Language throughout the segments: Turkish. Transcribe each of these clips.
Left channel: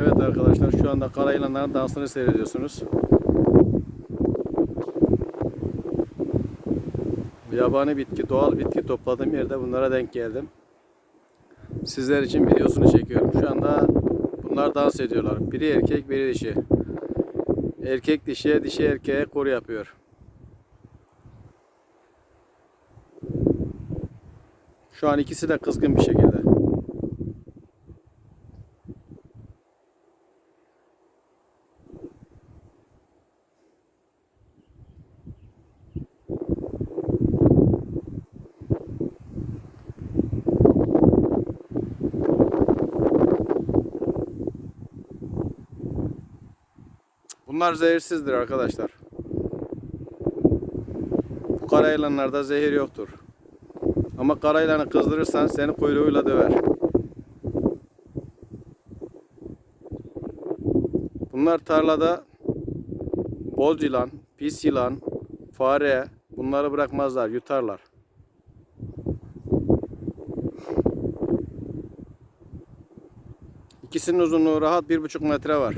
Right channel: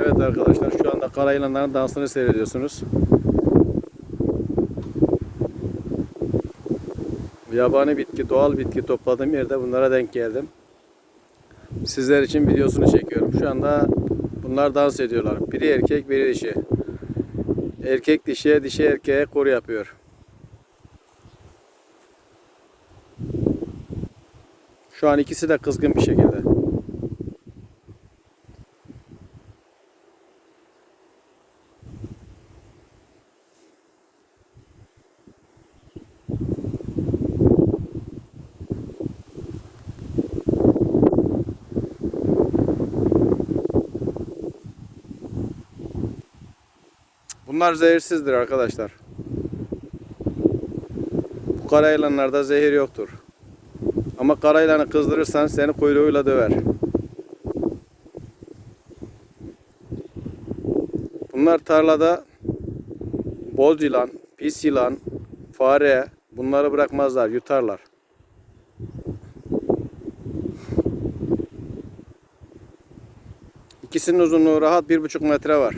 Evet arkadaşlar şu anda kara yılanların dansını seyrediyorsunuz. Yabani bitki, doğal bitki topladığım yerde bunlara denk geldim. Sizler için videosunu çekiyorum. Şu anda bunlar dans ediyorlar. Biri erkek, biri dişi. Erkek dişiye, dişi erkeğe koru yapıyor. Şu an ikisi de kızgın bir şekilde. Bunlar zehirsizdir arkadaşlar. Bu kara yılanlarda zehir yoktur. Ama kara yılanı kızdırırsan seni kuyruğuyla döver. Bunlar tarlada boz yılan, pis yılan, fare bunları bırakmazlar, yutarlar. İkisinin uzunluğu rahat bir buçuk metre var.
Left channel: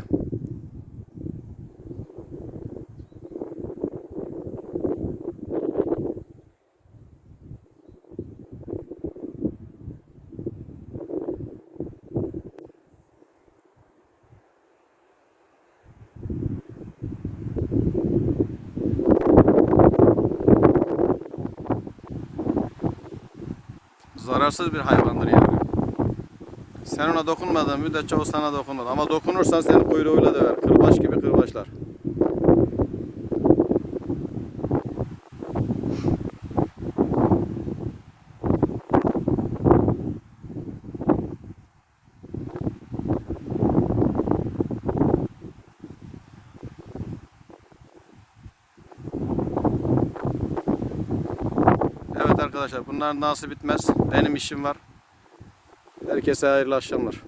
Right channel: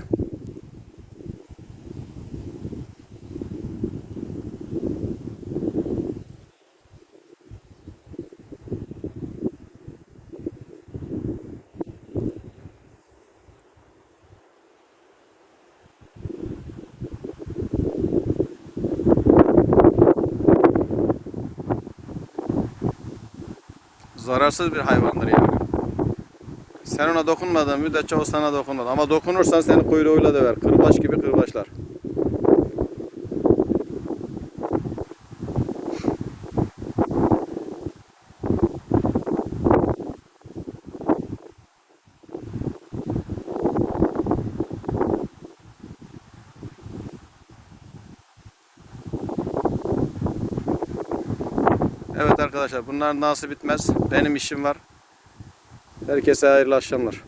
Zararsız bir hayvandır yani. Sen ona dokunmadığın müddetçe o sana dokunmaz. Ama dokunursan seni kuyruğuyla döver. Kırbaç gibi kırbaçlar. Evet arkadaşlar bunların dansı bitmez. Benim işim var. Herkese hayırlı akşamlar.